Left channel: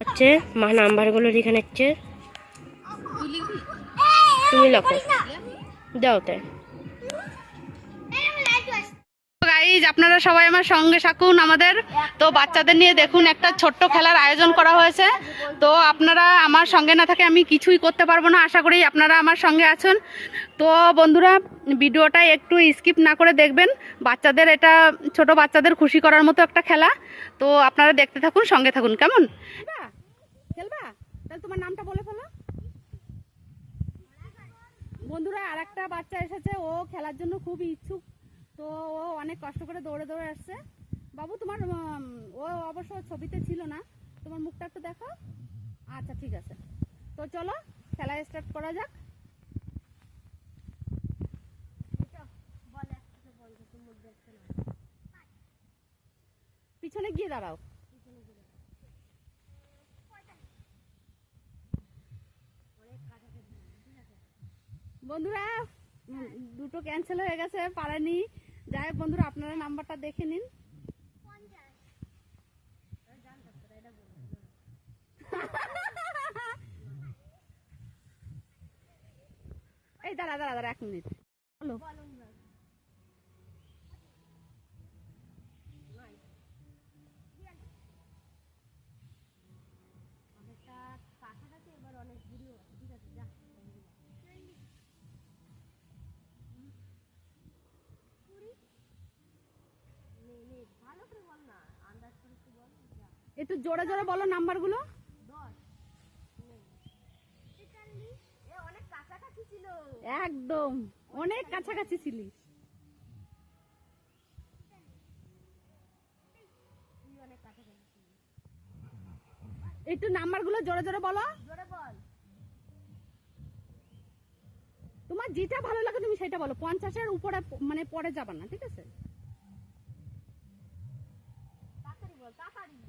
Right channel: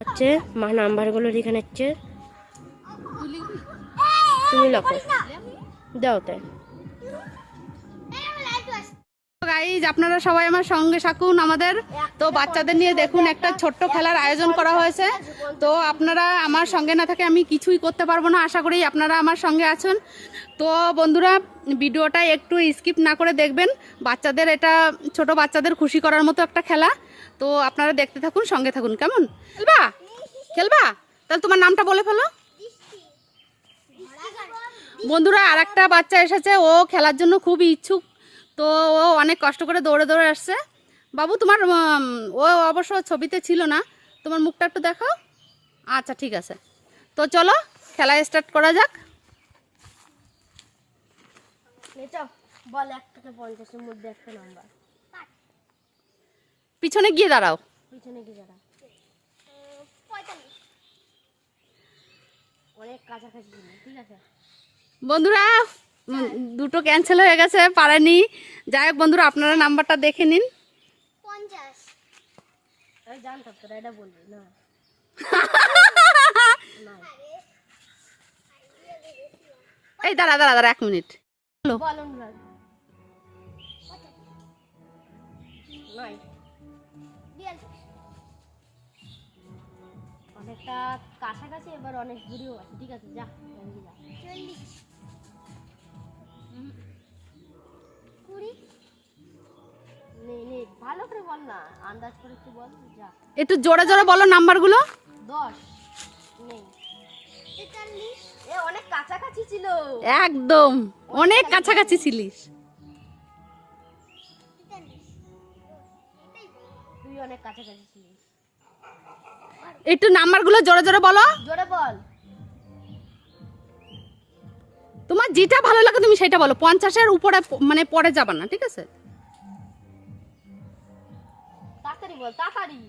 হচ্ছে মা নাম্বারগুলো লিখে নিচ্ছে। তুমি লেখো। দাও তাই। গাইজ আপনারা সবাই আমার সঙ্গে থাকুন আমাদের। তো বাচ্চাদের নিয়ে দেখুন, একটা ছোট্ট খেলার আয়োজন করা হয়েছে। তো আপনারা আমার সঙ্গে না থাকে আমি কিছুই করতে পারব না, আশা করি আপনারা আমার সঙ্গে আছেন। তো বন্ধুরা, ভিডিওটা একটু স্কিপ না করে দেখবেন। বাচ্চাদের এটা, ছোট বাচ্চাদের খুশি করার মতো একটা খেলা। তো আপনারা দেখতে থাকুন, সঙ্গে থাকুন, কেমন? খেলবা? খেলবা? তাহলে তোমার নামটা বলে ফেলো। বন্ধুরা আর একটা বাচ্চা এসেছে, ও খেলার জন্য খুব ইচ্ছুক। তো ও অনেক কষ্ট করে দৌড়ে দৌড়ে আসছে। বাবু তোমার ও অবশ্য ছবিতে ছিল না। তোমার মুখটা একটু দেখাও। আচ্ছা ঠিক আছে। তো চলো খেলা স্টার্ট করা যাক। পিছনে গিয়ে দাঁড়াও। পিছনে কি দাঁড়া অনেক কাছাকাছি ঠিক আছে? বন্ধুরা দুটো ক্যান্সেল হয়ে গেছে পারেনি। যাই হোক বন্ধুরা আপনারা নাম্বারটা দেখে নিন। এই দাঁড়া দাঁড়া দাঁড়া এক মিনিট। হ্যালো অনেকটা কাছাকাছি এবার অনেক দূরেও আছে। ঠিক আছে যা। যা ভালো করে বল না আন্দাজ করে একটু বল যা। একটু জোরে জোরে বলো নাম্বারগুলো। দশ নেই। এ অনেক কাছাকাছি ছিল। একদম অনেক কাছাকাছি ছিলিস। তুই অনেক কাছাকাছি ছিলিস। একটু নাম্বারগুলো জোরে জোরে বলো। জোরে বল। তোমার যেটা ভালো লাগে তুমি সেটা বলো। পঞ্চাশের উপরে মানে পরে যাবা না ঠিক আছে? বল তাড়াতাড়ি।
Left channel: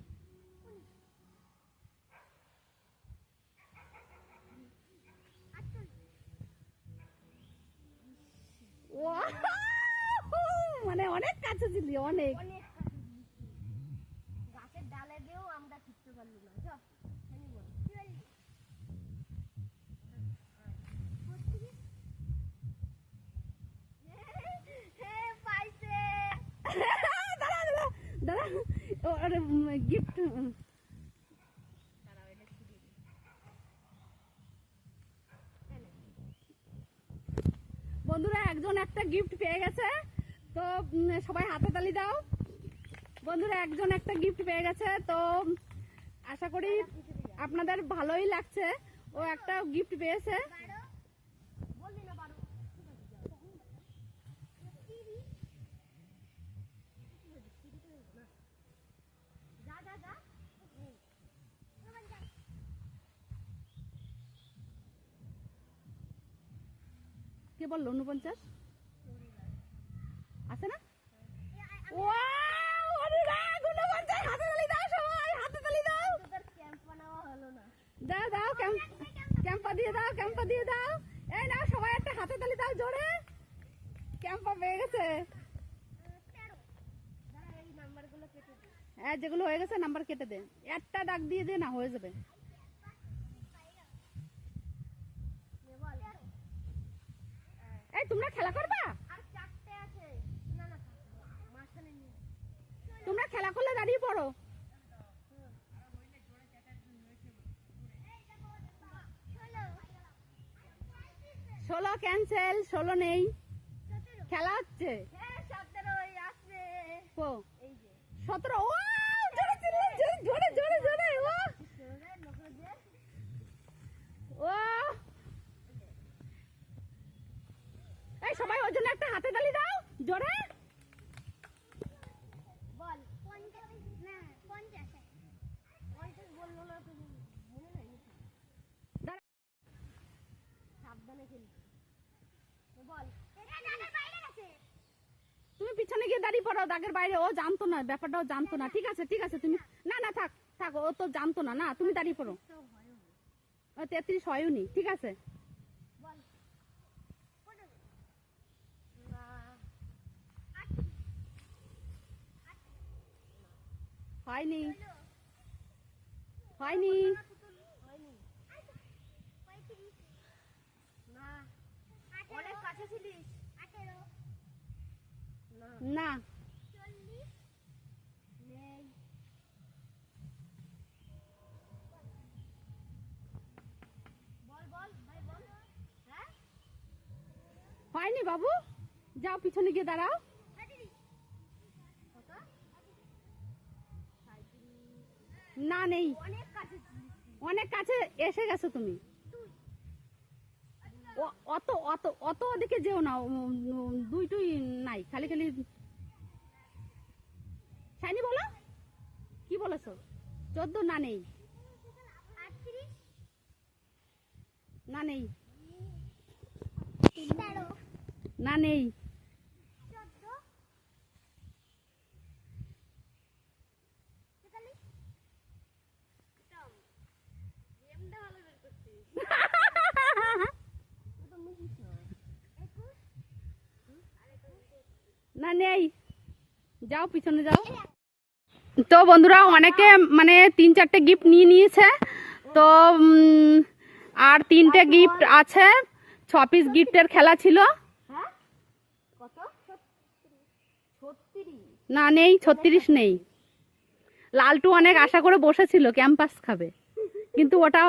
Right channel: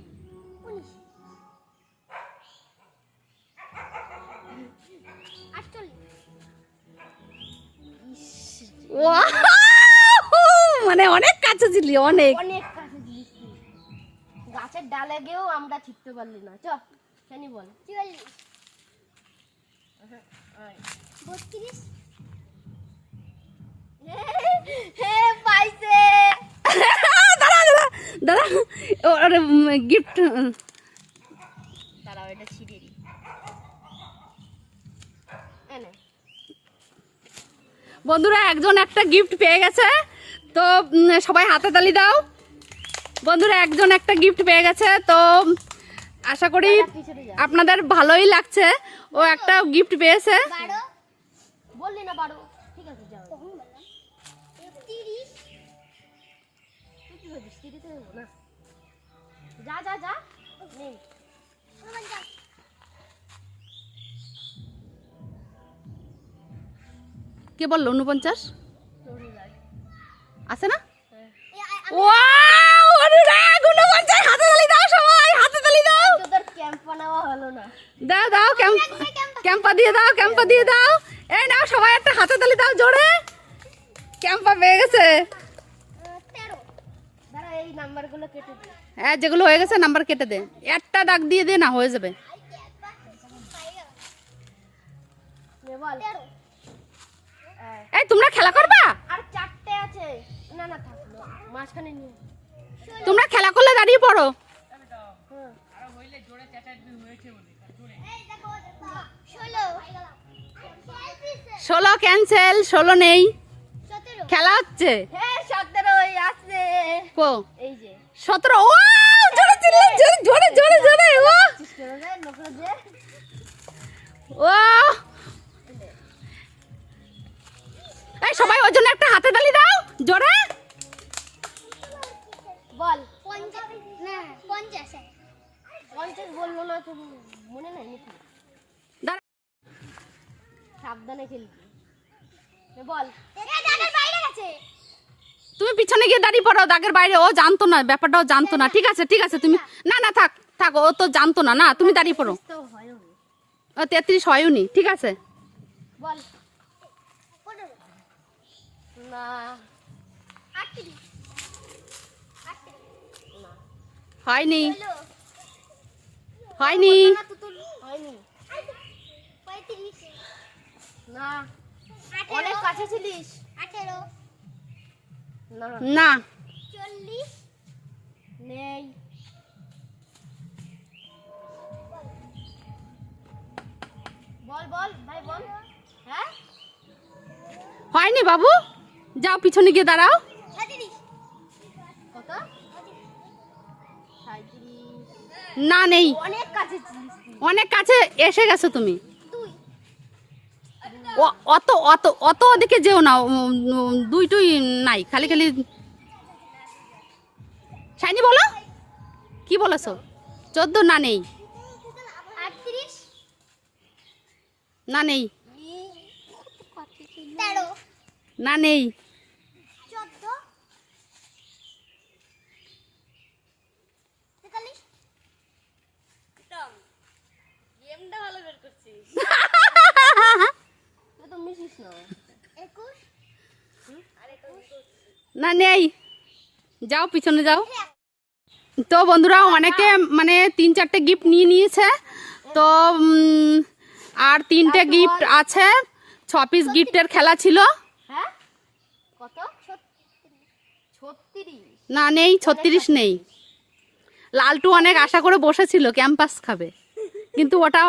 মানে অনেক কাছে ছিলি অনেক। অনেক কাছে ছিলিস গাছের ডালে গিয়েও আমরা ছিপতে পারলি না চ বল। হে পাইছে দাঁড়া দাঁড়া দাঁড়া ওর গিফট দাঁড়াও এটা ছিঁড়ে দিই। বন্ধুরা একজন একটা গিফট পেয়ে গেছে। তো সবাই হাতে তালি দাও। বন্ধুরা একজন একটা গিফট পেয়ে গেছে। তো আশা করি আপনাদের ভালোই লাগছে। ও একটা গিফট পেয়েছে। বললি না কে বলল উনপঞ্চাশ আছে না? অনুরাগ উনপঞ্চাশ হাতে তালি দাও সবাই হাতে তালি দাও। তোদের ক্যাম্প বানাওয়া হলো না। দাও দাও ক্যাম্প ক্যাম্পা দিয়ে দাও ক্যাম্পা দিয়ে দাও। এই নাও সবাই একটা হাতে তালি দাও জোরে। ক্যাম্পা পেয়ে গেছে। হ্যাঁ যেগুলো হয়ে গেছে নাম্বার কেটে দে। একটা ডাক দিয়ে দে না হয়ে যাবে নে বল এই তোমরা খেলা করবা? আর চারটে আছে। না না মাঝখানে নিয়ে। তোমরা খেলা করলে দাঁড়িয়ে পড়ো। হ্যাঁ। ষোলো। ক্যান্সেল ষোলো নেই। খেলা হচ্ছে। হ্যাঁ সতেরো জোরে জোরে জোরে জোরে ও। এই সবাই ওর জন্য একটা হাতে তালি দাও জোরে। বল না পঞ্চাশ। পঞ্চাশ বলল না তুমি মনে নাই নাকি সাবধানে খেলবি। বল। বাইরে গেছে। তুমি পিছনে গিয়ে দাঁড়িয়ে পড়ো দাগের বাইরে। ও জানতো না ব্যাপারটাও জানতো না। ঠিক আছে ঠিক আছে তুমি না না থাক থাক ও তো জানতো না না তুমি দাঁড়িয়ে পড়ো। ও তেত্রিশ হয়নি ঠিক আছে। বল। না। হয়নি। হয়নি। না অনেক কাছে ছিলিস। না। চল্লিশ। নেই। বল বল ভাই বল। হ্যাঁ? হয়নি বাবু। যাও পিছনে গিয়ে দাঁড়াও। না নেই। অনেক কাছে অনেক কাছে এসে গেছো তুমি। ও- অত অত অত ওদিকে যেও না উম, উম, দুই টুই নাই খালি খালি। সাইনি বলো। কি বলেছ? চোদ্দ না নেই। না নেই। না নেই চোদ্দ তেতাল্লিশ তুই তো মিশিস না একুশ না নেই যাও পিছনে যাও। তো বন্ধুরা অনেকে মানে তিন চারটে গিফট নিয়ে নিয়েছে। তো আর তিনটে গিফট আছে। ছ পিস গিফটের খেলা ছিল। হ্যাঁ? না নেই ছত্রিশ নেই। লালটু অনেক আশা করে বসেছিল ক্যাম্পাস খাবে। কিন্তু ওটা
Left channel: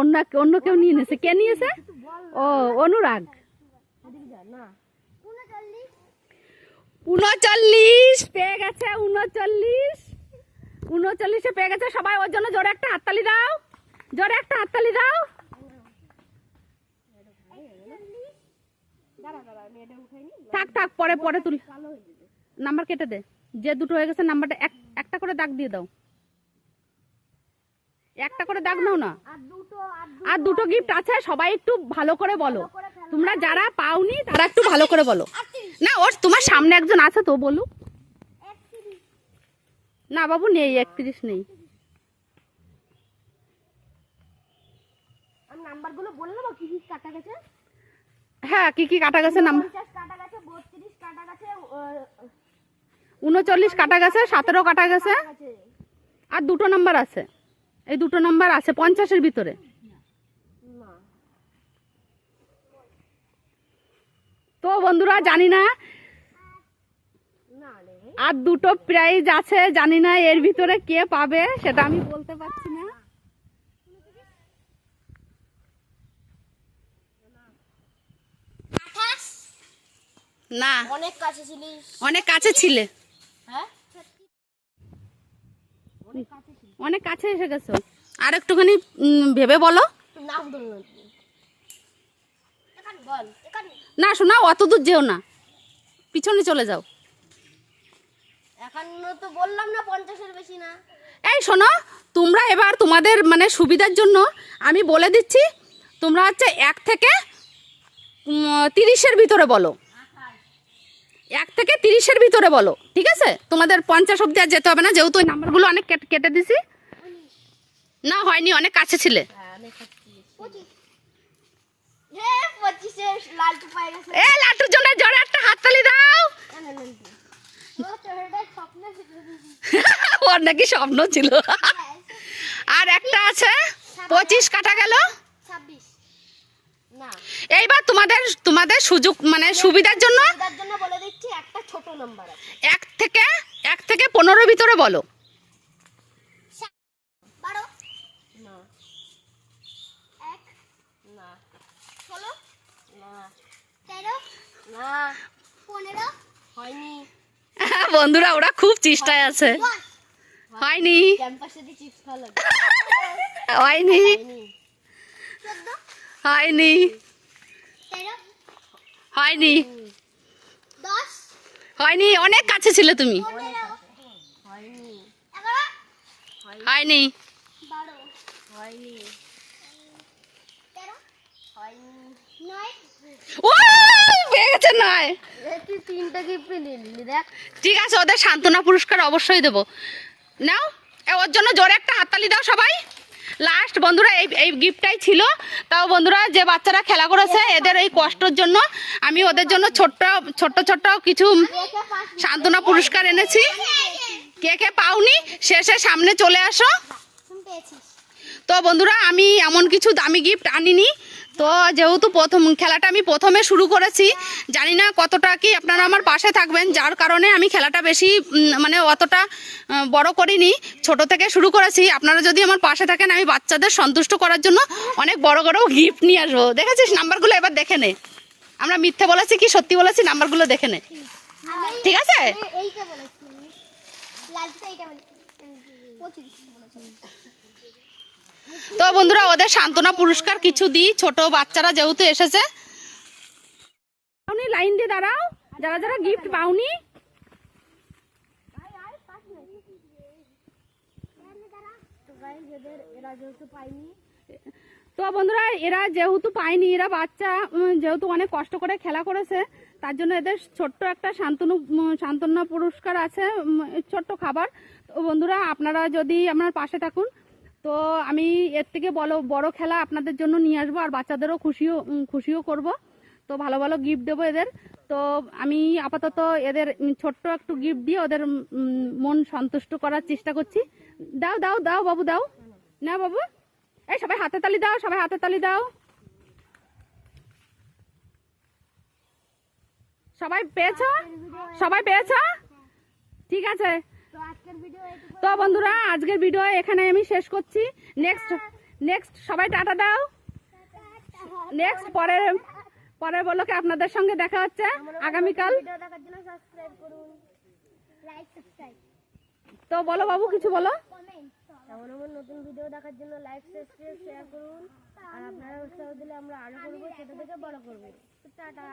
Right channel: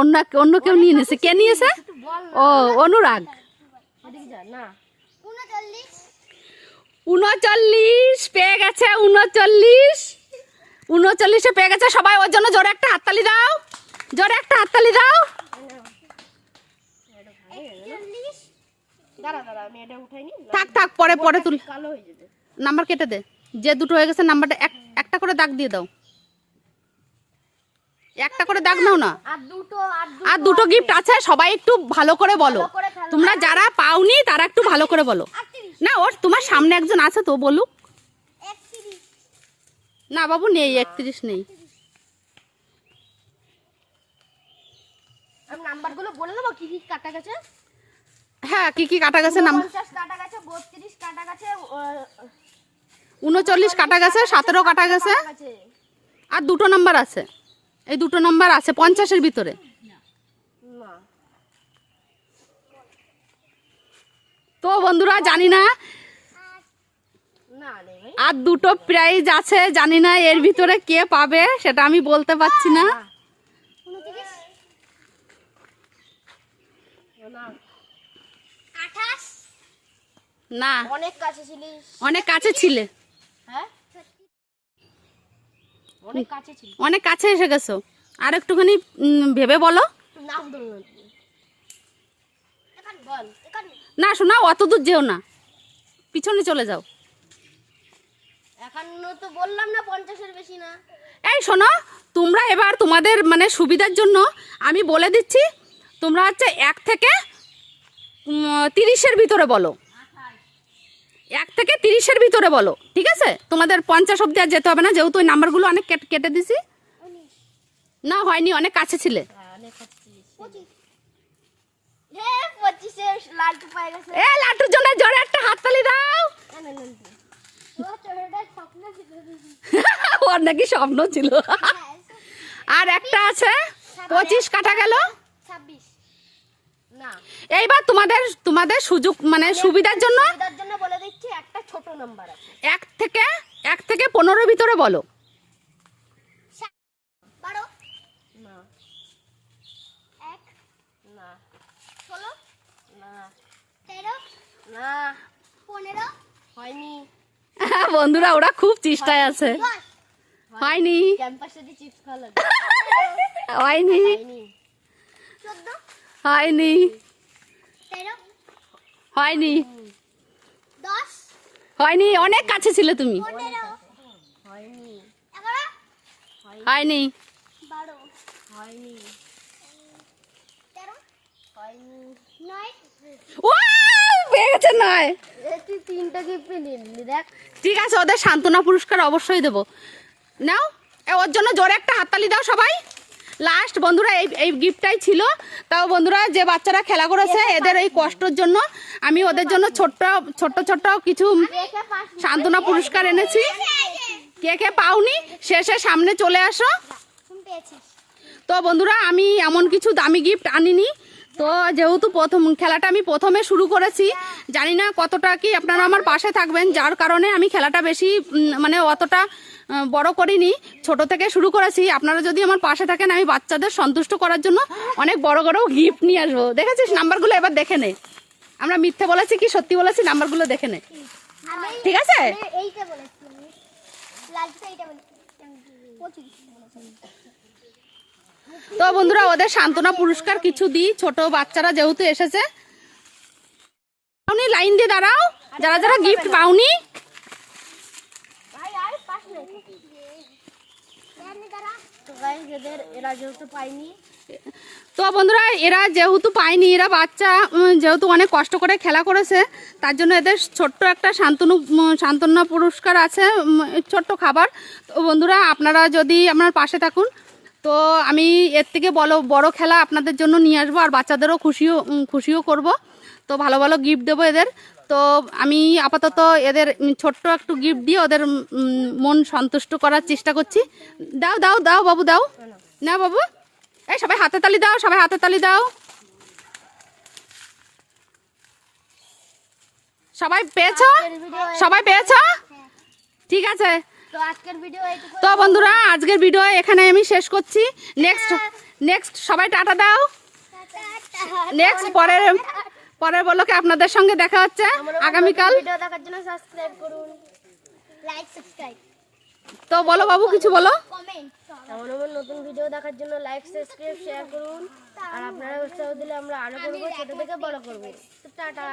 অন্য অন্য কেউ নিয়ে নিয়েছে। কে নিয়েছে? ও অনুরাগ। না। উনচল্লিশ পেয়ে গেছে উনচল্লিশ। উনচল্লিশে পেয়ে গেছে সবাই ওর জন্য জোরে একটা হাততালি দাও। জোরে একটা হাততালি দাও। একচল্লিশ দাঁড়া দাঁড়া আমি এটা উঠাইনি থাক থাক পরে পরে তুল। নাম্বার কেটে দে। যে দুটো হয়ে গেছে নাম্বারটা এক একটা করে দাগ দিয়ে দাও। একটা করে দাগ নাও না। আর দুটো আর দুটো গিফট আছে। সবাই একটু ভালো করে বলো। তোমরা যারা পাওনি তারা একটু ভালো করে বলো। না ওর তোমার সামনে একজন আছে তো বলুক। না বাবু নেই একত্রিশ নেই। আমি নাম্বারগুলো বলে দেবো কি কি কাটা গেছে? হ্যাঁ কি কি কাটা গেছে কাটা গেছে বত্রিশ কাটা গেছে উনচল্লিশ কাটা গেছে সতেরো কাটা গেছে। আর দুটো নাম্বার আছে। এই দুটো নাম্বার আছে পঞ্চাশের ভিতরে না তো বন্ধুরা, জানি না। আর দুটো প্রাইজ আছে, জানি না এর ভিতরে কে পাবে, সেটা আমি বলতে পারছি না। না, অনেক কাছে ছিলিস অনেক কাছে ছিলে। অনেক কাছে এসে গেছো। আর একটুখানি ভেবে বলো। বল। না শোনা অত দূর যেও না। পিছনে চলে যাও। একান্ন তো বললাম না পঞ্চাশের বেশি না। এই শোনো তোমরা এবার তোমাদের মানে সুবিধার জন্য আমি বলে দিচ্ছি তোমরা হচ্ছে এক থেকে তিরিশের ভিতরে বলো। এক থেকে তিরিশের ভিতরে বলো ঠিক আছে? তোমাদের পঞ্চাশ অব্দি আর যেতে হবে না যেহেতু ওই নাম্বারগুলো অনেক কেটে- কেটে দিছি। না হয়নি অনেক কাছে ছিলে হ্যাঁ অনেক কাছে ছিলিস পঁচিশ হে পঁচিশে লালটু পায়ে গেছে এ লাটুর জন্য জোরে একটা হাততালি দাও। ওর নাকি স্বপ্ন ছিল। আর একটা আছে পঁচিশ কাটা গেল। না। এইবার তোমাদের তোমাদের সুযোগ মানে সুবিধার জন্য সুবিধার জন্য বলে দিচ্ছি একটা ছোট নাম্বার এক থেকে এক থেকে পনেরোর ভিতরে বলো বারো না এক না ষোলো না। হয়নি। বন্ধুরা ওরা খুব চেষ্টায় আছে। হয়নি। হয়নি। হয়নি। হয়নি। হয়নি। অনেক কাছে ছিলে তুমি। হয়নি। হয়নি। ও পেয়ে নয়। ঠিক আছে ওদের সান্ত্বনা পুরস্কার অবশ্যই দেবো। নাও ওর জন্য জোরে একটা হাততালি দাও সবাই। লাস্ট বন্ধুরা এই এই গিফটটাই ছিল। তাও বন্ধুরা যে বাচ্চারা খেলা করেছে এদের এই কষ্টর জন্য আমি ওদের জন্য ছোট্ট ছোট্ট ছোট্ট কিছু সান্ত্বনা পুরস্কার এনেছি। কে কে পাওনি শেষে সামনে চলে আসো। তো বন্ধুরা আমি এমন কিছু দামি গিফট আনিনি। তো যেহেতু প্রথম খেলাটা আমি প্রথমে শুরু করেছি, জানি না কতটা কি আপনারা আমার পাশে থাকবেন, যার কারণে আমি খেলাটা বেশি মানে অতটা বড় করিনি, ছোট থেকে শুরু করেছি। আপনারা যদি আমার পাশে থাকেন, আমি বাচ্চাদের সন্তুষ্ট করার জন্য অনেক বড় বড় গিফট নিয়ে আসব। দেখেছিস? নাম্বারগুলো এবার দেখে নে। আমরা মিথ্যে বলেছি কি সত্যি বলেছি? নাম্বারগুলো দেখে নে। ঠিক আছে? এইটা বলেছি লালটা এইটা বলেছি পঁচিশ বলেছি তো বন্ধুরা, ওদের সান্ত্বনা পুরস্কার কিছু দিই। ছোট বাচ্চারা যেহেতু এসেছে। লাইন দিয়ে দাঁড়াও। যারা যারা গিফট পাওনি। তো বন্ধুরা, এরা যেহেতু পায়নি, এরা বাচ্চা যেহেতু অনেক কষ্ট করে খেলা করেছে, তার জন্য এদের ছোট্ট একটা শান্তনু সান্ত্বনা পুরস্কার আছে ছোট্ট খাবার। তো বন্ধুরা, আপনারা যদি আপনার পাশে থাকুন তো আমি এর থেকে বলো বড় খেলা আপনাদের জন্য নিয়ে আসব আর বাচ্চাদেরও খুশিও খুশিও করব। তো ভালো ভালো গিফট দেবো এদের। তো আমি আপাতত এদের ছোট্ট একটু গিফট দিয়ে ওদের মন সন্তুষ্ট করার চেষ্টা করছি। দাও দাও দাও বাবু দাও। না বাবু? এই সবাই হাতে তালি দাও সবাই হাতে তালি দাও। সবাই পেয়েছ? সবাই পেয়েছ? ঠিক আছে। তো আজকের ভিডিও এইটুকু তো বন্ধুরা আজকের ভিডিও এখানে আমি শেষ করছি। নেক্সট নেক্সট সবাই টাটা দাও। নেক্সট পরের পরের বলোকে আপনাদের সঙ্গে দেখা হচ্ছে আগামীকাল। ভিডিও দেখার জন্য সাবস্ক্রাইব করুন। লাইক সাবস্ক্রাইব তো বলো বাবু কিছু বলো। নতুন ভিডিও দেখার জন্য লাইক সাবস্ক্রাইব শেয়ার করুন। আর আপনারা উৎসাহ দিলে আমরা আরও করব ছোট থেকে বড় করব। টাটা।